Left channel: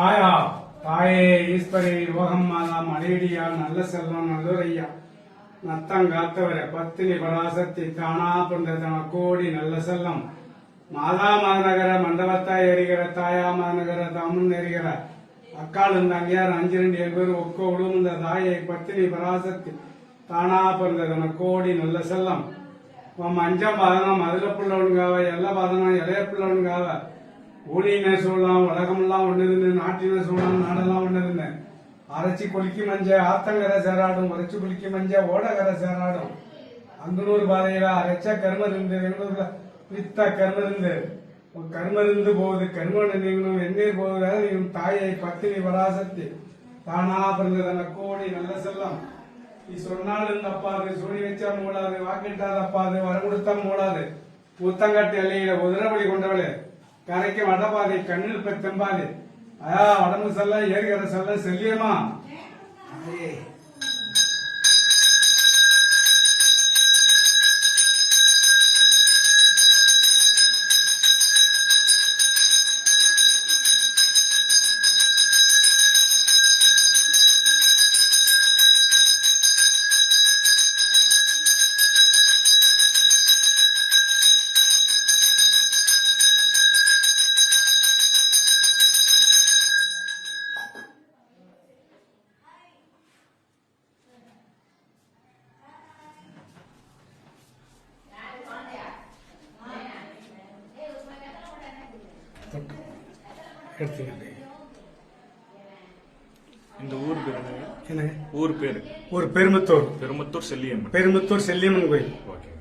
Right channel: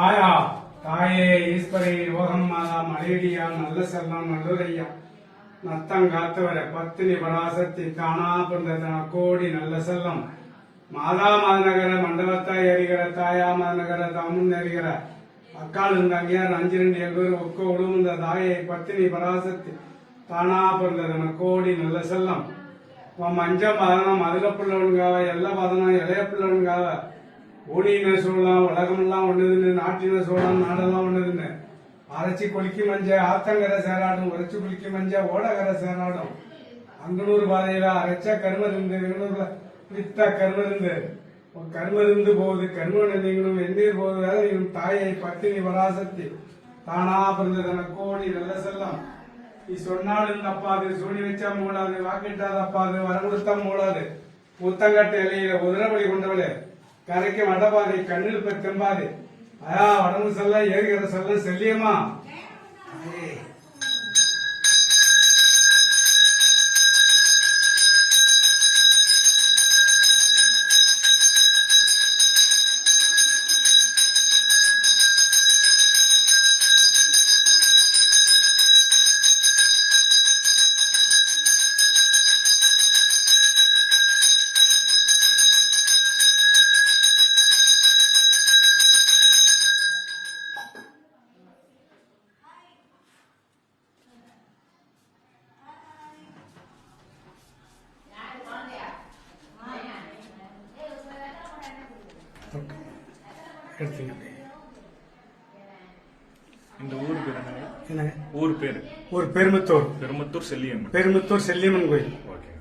ஆயா தாயே ஈஸ்வரி யோகம்மாதா மலேரியா நல்ல செல்லம் நல்லுரையா நத்தங்காத்தவர பத்தினி பராசக்தி தானா புந்த கோடி நல்ல செல்லம் மாதா மாநகர மண்டபத்தாய் எறிகிற தாயா மாநகர தாமுன் எறிகிற அக்கால் இந்த அங்கேயார் 5 பேர் ஒக்க உடுந்த தாயை பத்தினி பராசக்தி தானா பிறந்த கோடி நல்ல செல்லம் உன் அஞ்சம் பாதனம் மதுரை பிள்ளவனுங்காவ எல்லா பாதனம் இளைய பிள்ளவனுங்காவ ஊனின சூழலாம் உலகமெல்லாம் ஒண்ணுதுன்னு நாட்டின சூழலாம் நாடெல்லாம் ஒண்ணுதுன்னு அரைச்சி குளிக்கி மஞ்ச ஆத்தங்கரை சேராடும் உரைச்சி குளிக்கி மஞ்ச ஓடகரை சேராடும் அங்கனூர் பாதையில அரைச்ச கருமருந்து எங்கூர்ல வித்த கருமருந்து கருமருந்து போகுது கருமன் நீங்களும் வெந்நீர் போகுது தாயை பத்தினி பராசக்தி தானா பிறந்ததன கோடி நல்ல செல்லம் நீ சொன்னாலும் தப்பாது சூடி வச்சா மூடாது வாக்கிட்டா தப்பாது வரம் கொடுத்தா மூடாது முத்தங்கட்டு எல்லையில குதிரைப்படி கொண்டவளே கரைக்கு வடபாதை கண்ணில் பெத்தம்பாது உடம்பு செல்லம் ஏறுகிற செல்லம் செல்லியமா இந்த ஊர் பேர் என்ன? ஊர் பேர் பெருமுத்தூர் பெருமுத்தூர் செல்லியம்மன் பெருமுத்தூர் செல்லியம்மன் கோயில். ஓகே.